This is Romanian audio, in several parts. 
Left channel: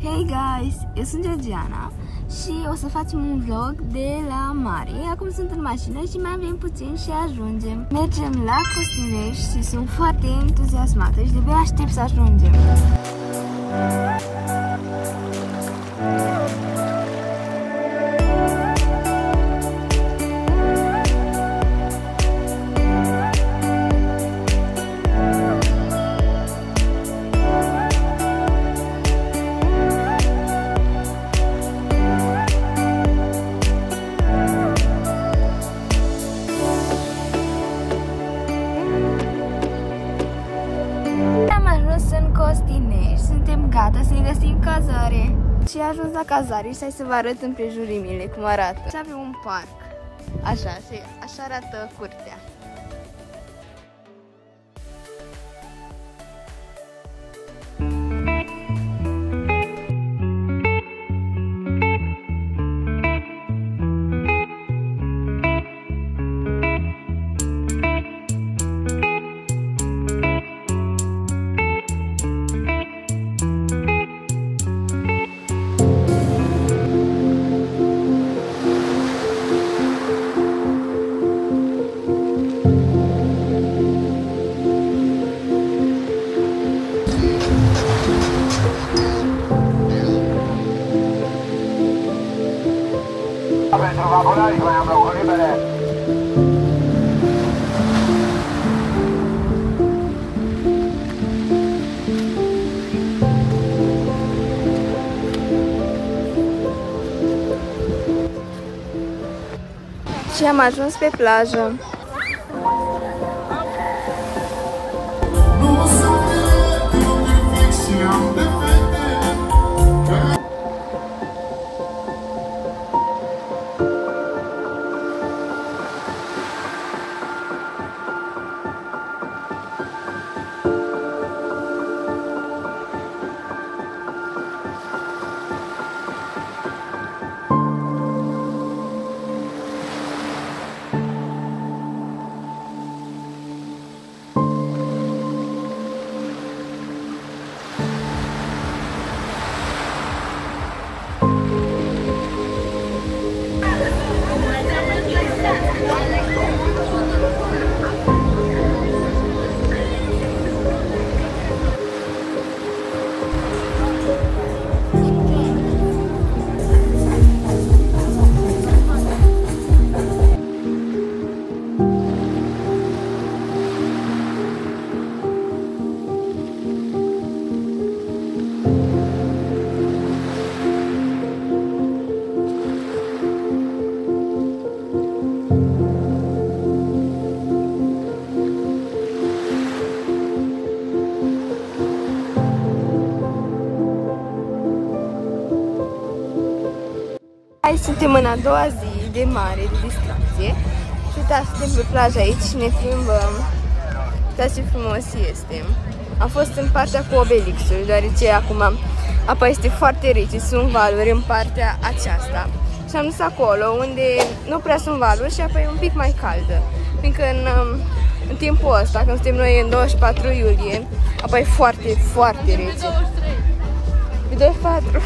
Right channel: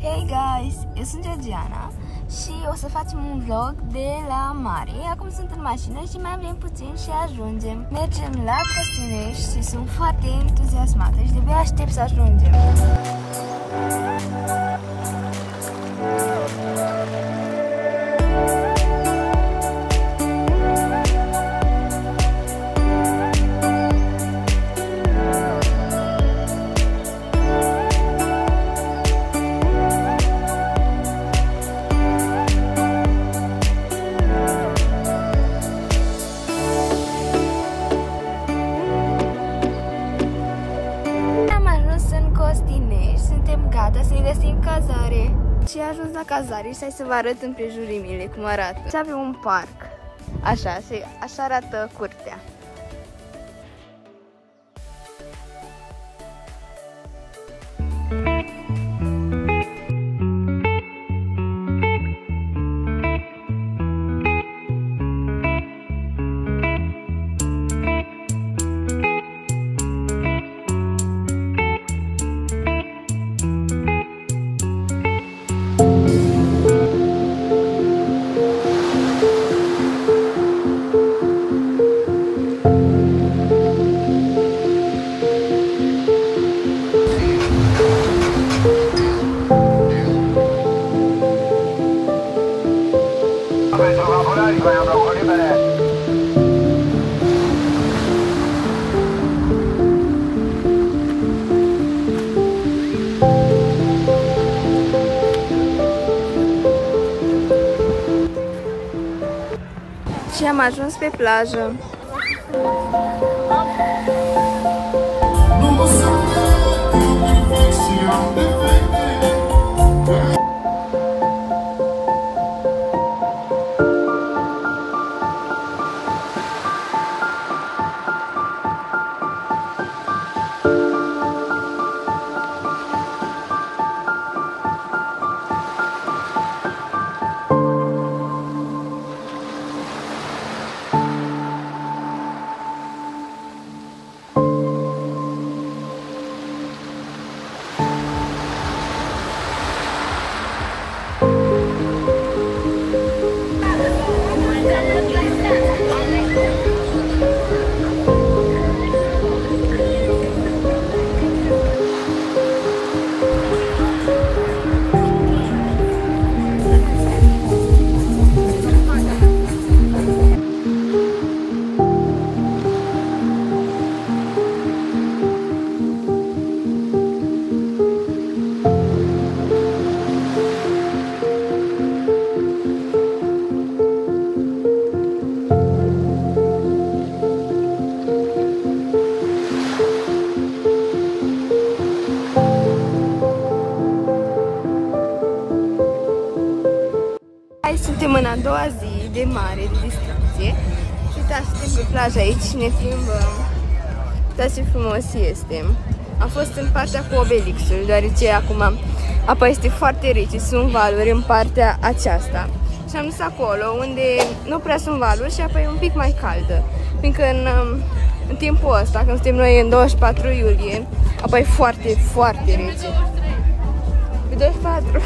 Hey guys, eu sunt Georgiana și o să facem un vlog de la mare. Acum sunt în mașină și mai avem puțin și ajungem. Mergem la Costinești și sunt foarte entuziasmată și de-abia aștept să ajungem. Suntem gata să-i găsim cazare. Și am ajuns la cazare și hai să vă arăt împrejurimile cum arată. Și avem un parc. Așa arată curtea. Și am ajuns pe plajă. Aici suntem în a doua zi de mare, de distracție. Și uitați, suntem pe plajă aici și ne plimbăm. Uitați ce frumos este. Am fost în partea cu Obelixul, deoarece acum apa este foarte rece, sunt valuri în partea aceasta. Și am dus acolo, unde nu prea sunt valuri și apa e un pic mai caldă. Fiindcă în timpul ăsta, când suntem noi în 24 iulie, apa e foarte, foarte rece. Pe 24.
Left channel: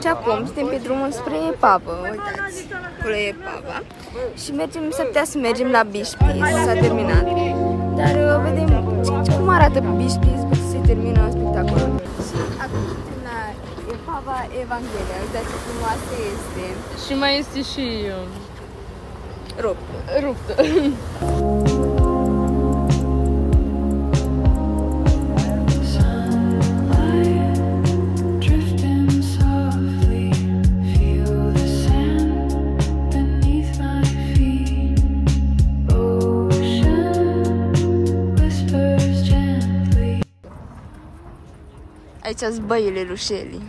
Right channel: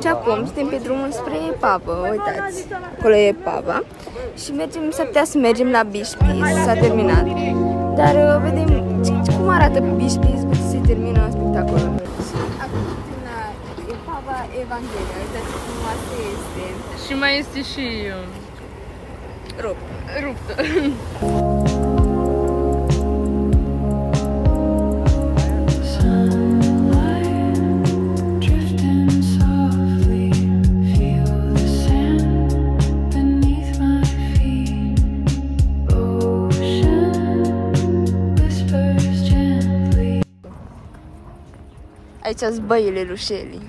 Și acum suntem pe drumul spre Epavă, uitați, acolo e Epava. Și mergem, s-ar putea să mergem la Bishpis, s-a terminat. Dar vedem cum arată Bishpis după ce se termină spectacolul. Și acum suntem la Epava Evanghelia, uitați ce frumoasă este. Și mai este și ruptă. Aici sunt băile lui Shelly.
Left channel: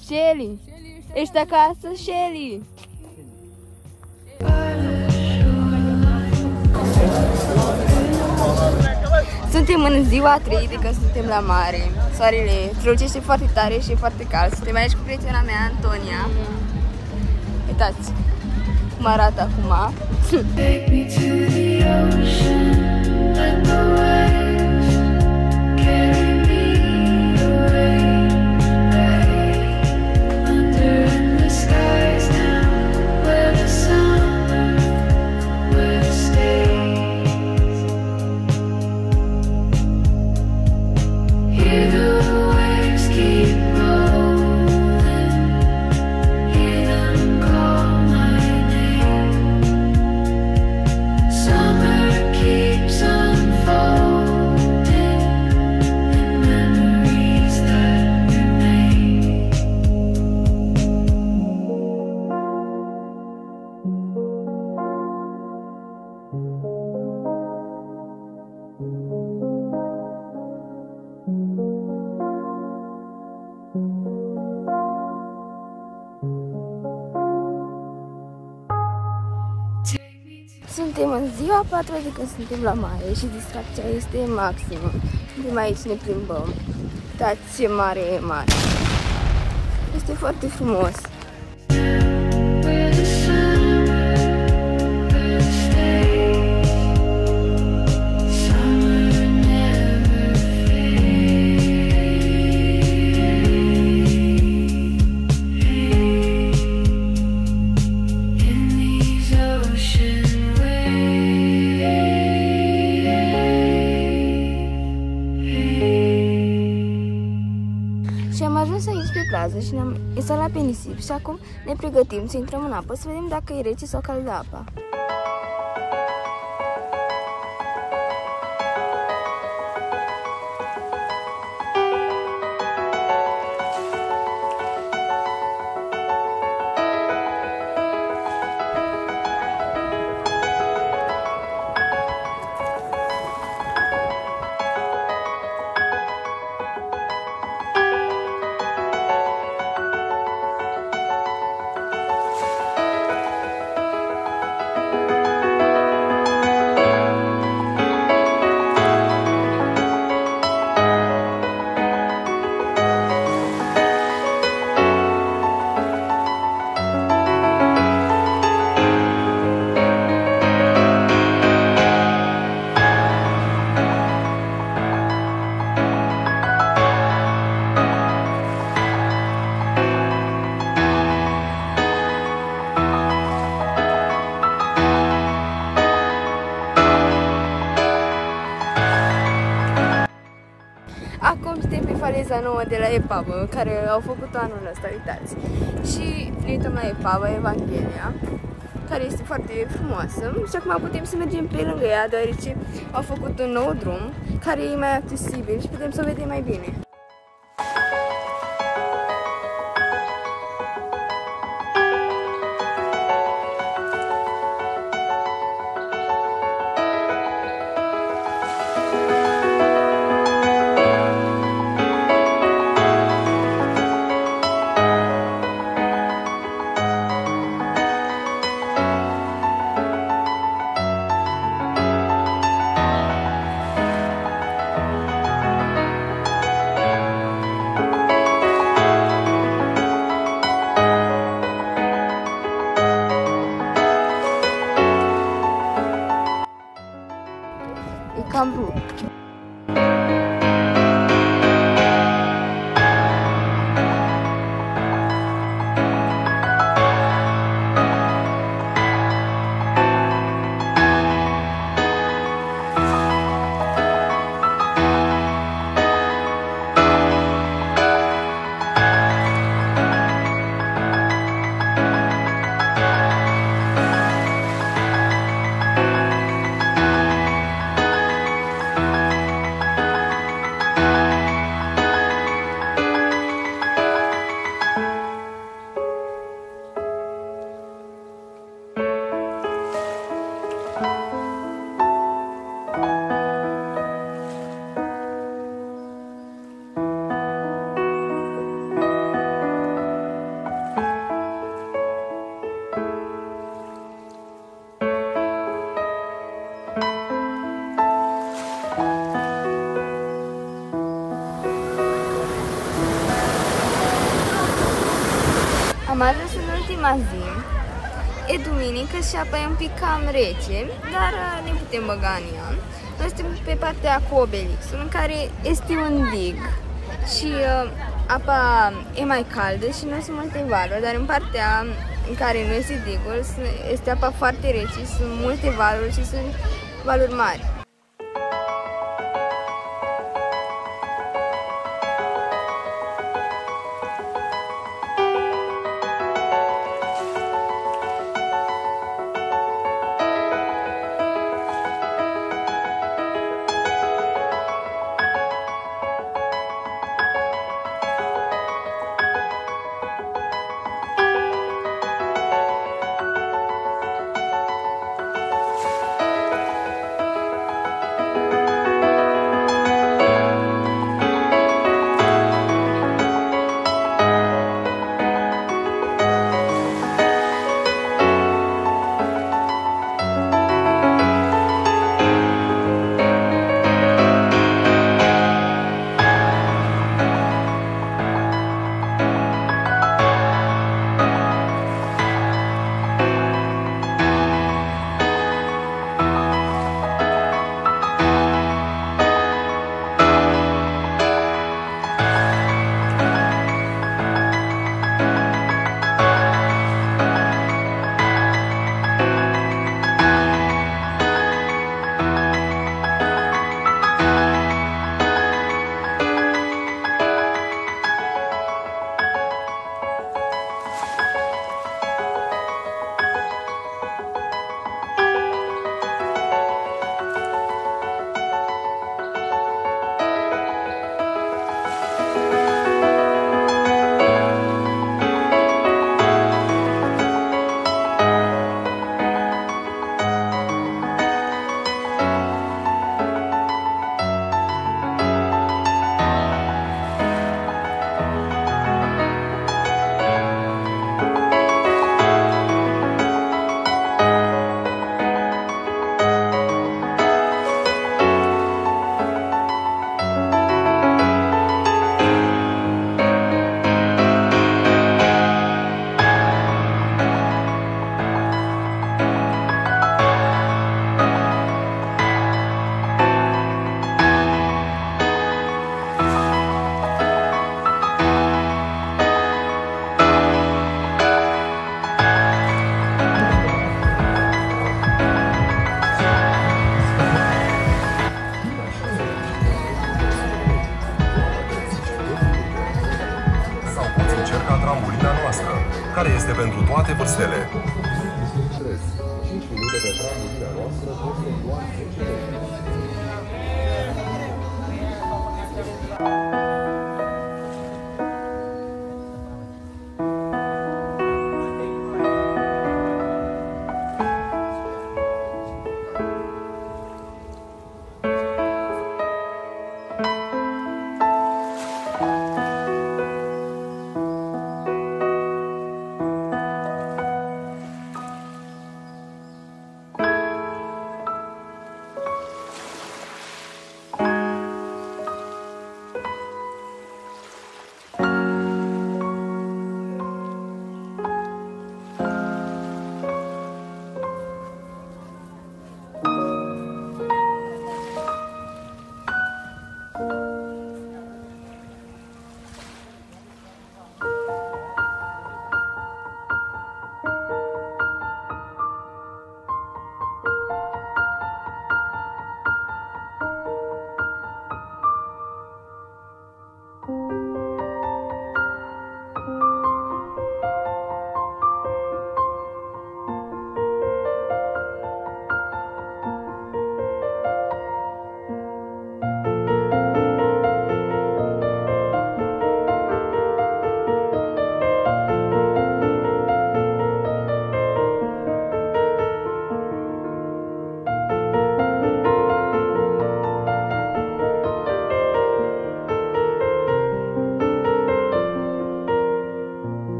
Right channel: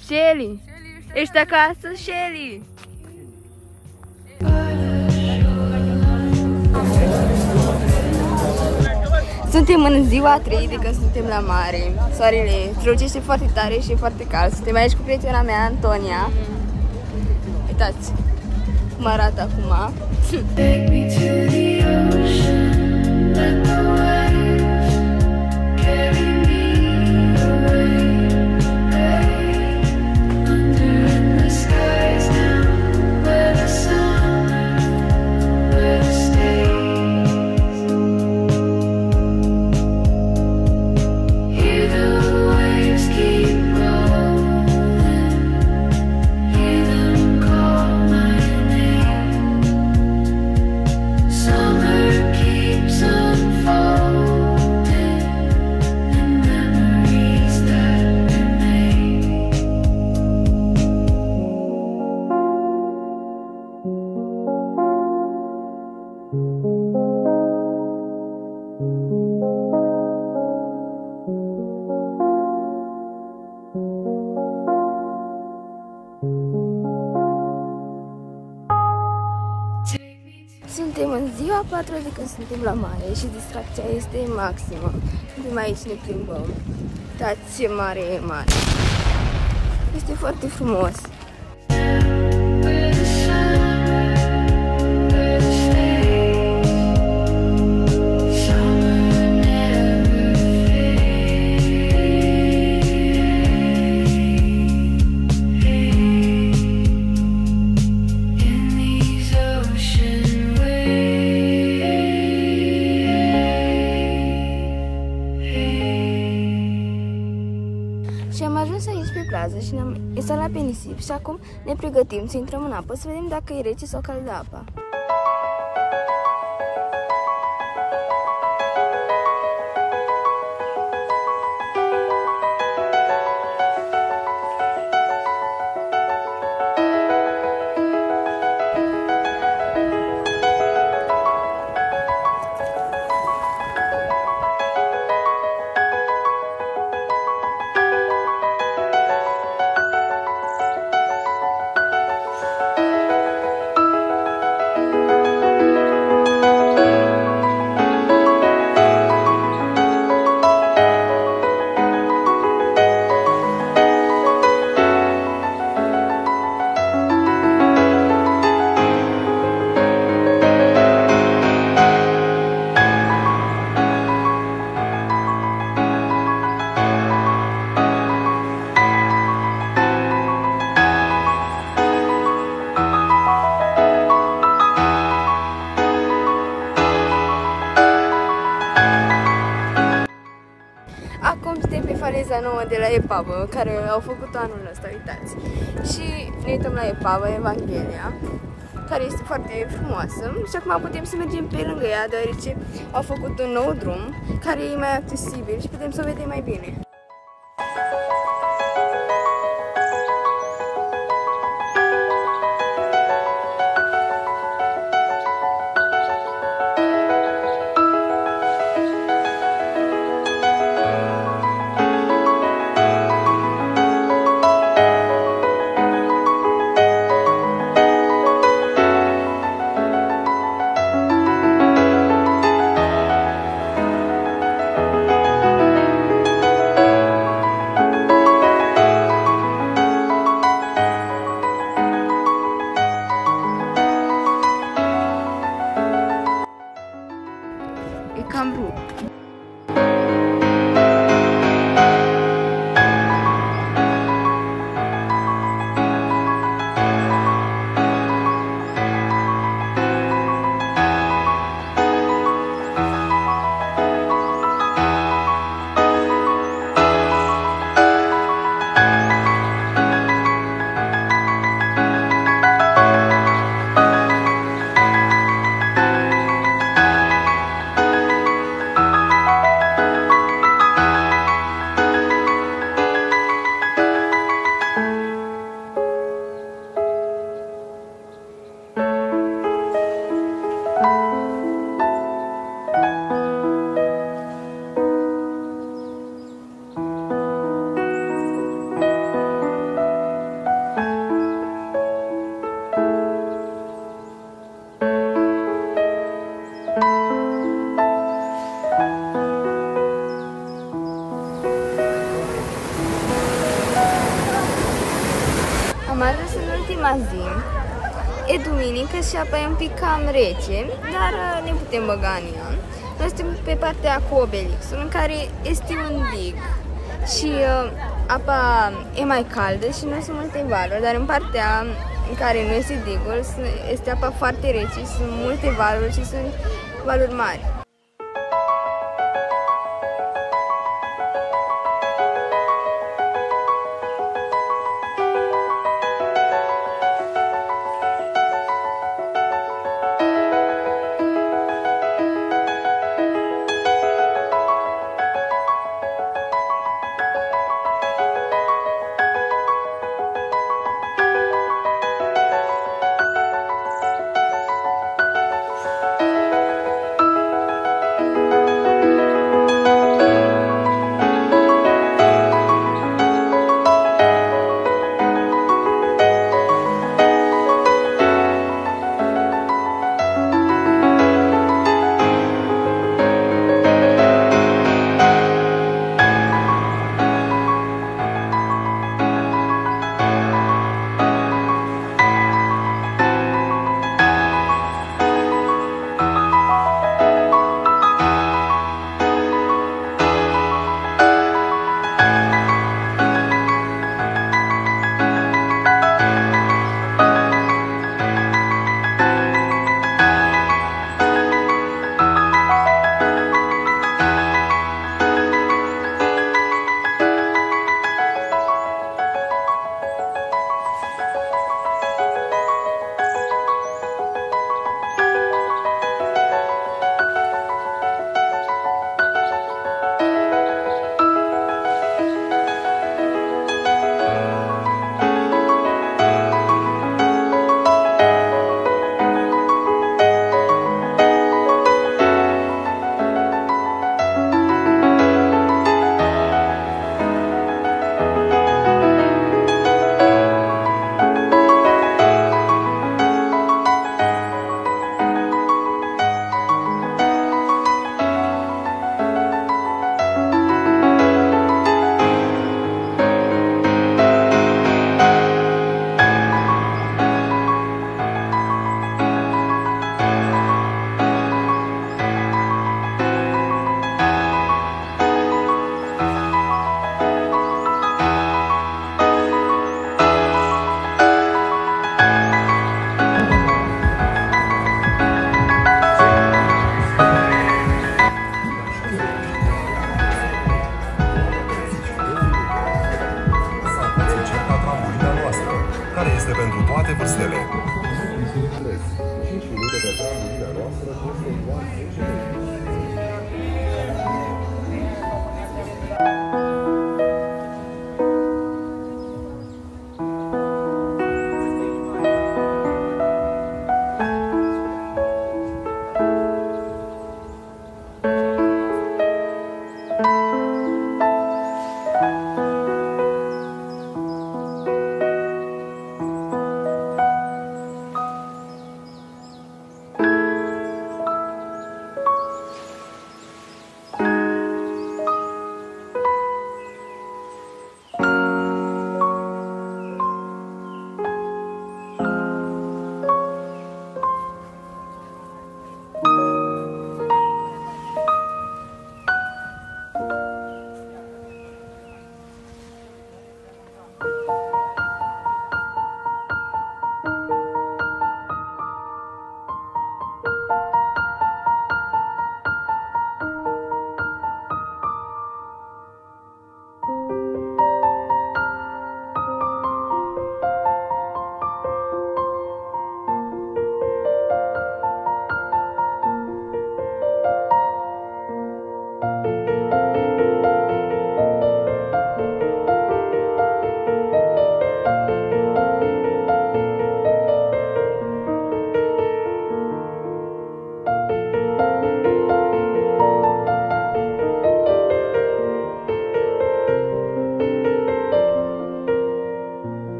Shelly, ești acasă, Shelly? Suntem în ziua 3 de când suntem la mare. Soarele strălucește foarte tare și e foarte cald. Suntem aici cu prietena mea, Antonia. Uitați cum arată acum. Suntem în ziua 4 de când suntem la mare și distracția este maximă. Suntem aici, ne plimbăm. Uitați ce mare e mare. Este foarte frumos. Și am ajuns aici pe plajă și ne-am instalat pe nisip și acum ne pregătim să intrăm în apă să vedem dacă e rece sau caldă apa. Acum suntem pe faleza nouă de la Epavă, care au făcut anul ăsta, uitați. Și ne uităm la Epavă, Evanghelia, care este foarte frumoasă. Și acum putem să mergem pe lângă ea, deoarece au făcut un nou drum, care e mai accesibil și putem să o vedem mai bine. am vrut. Am ajuns în ultima zi, e duminică și apa e un pic cam rece, dar ne putem băga în ea. Noi suntem pe partea cu Obelixul, în care este un dig și apa e mai caldă și nu sunt multe valuri, dar în partea în care nu este digul, este apa foarte rece, sunt multe valuri și sunt valuri mari. care este pentru toate vârstele.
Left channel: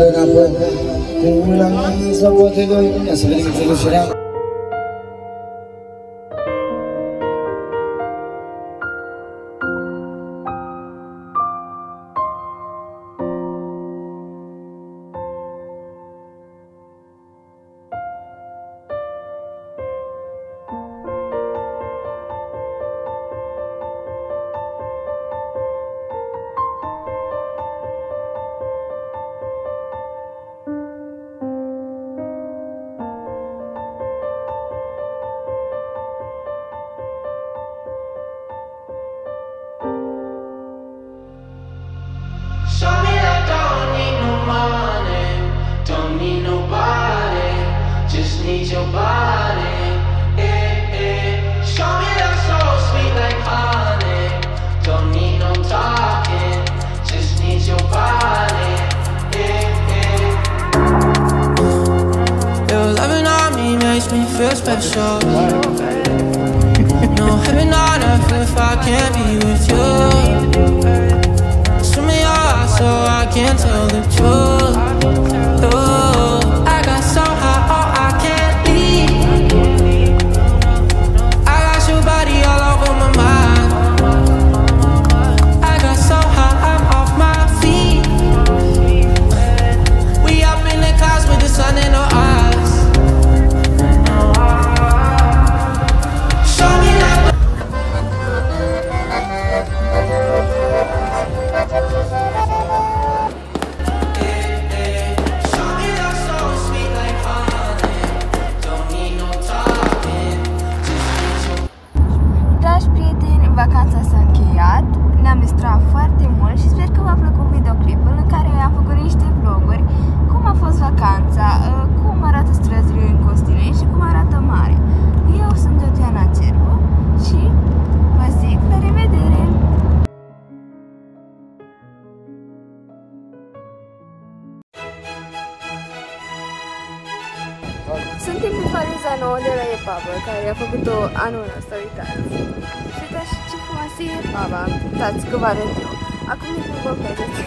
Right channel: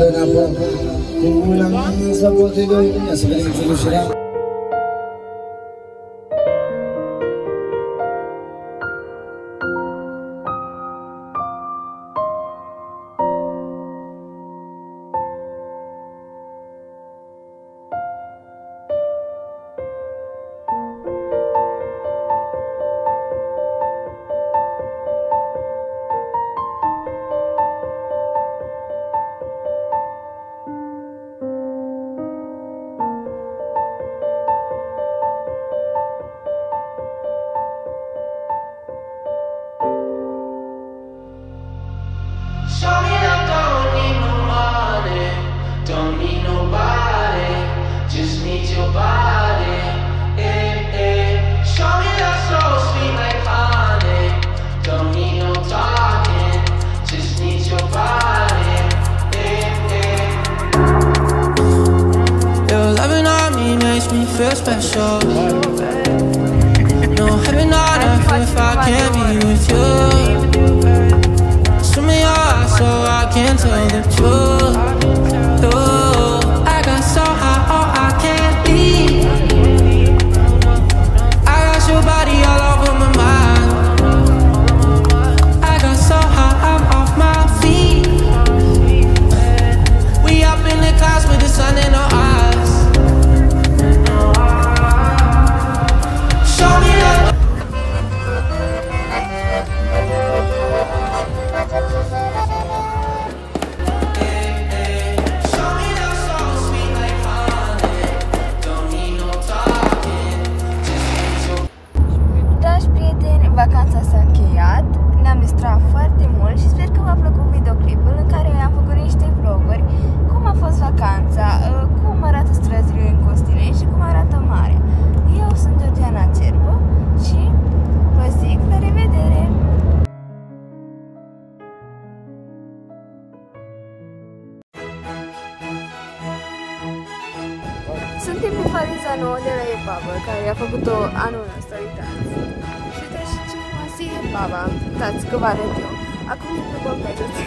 Pădă în apă, în mâna sau poate doi. Ia să vedem introducerea. Me feel special. No heaven on earth if I can't be with you. Swim in your eyes so I can tell the truth. Oh, I got so high, oh I can't leave. I got your body all over my mind. I got so high, I'm off my feet. We up in the clouds with the sun in our eyes. Vacanța s-a încheiat, ne-am distrat foarte mult și sper că v-a plăcut videoclipul în care am făcut niște vloguri, cum a fost vacanța, cum arată străzile în Costinei și cum arată marea. Eu sunt Georgiana Cerbu și vă zic la revedere! Suntem pe paliza nouă de la epavă, care a făcut-o anul ăsta, uitați. Și uitați ce frumoasă e epava, uitați că vă arăt eu. Acum ne pregătesc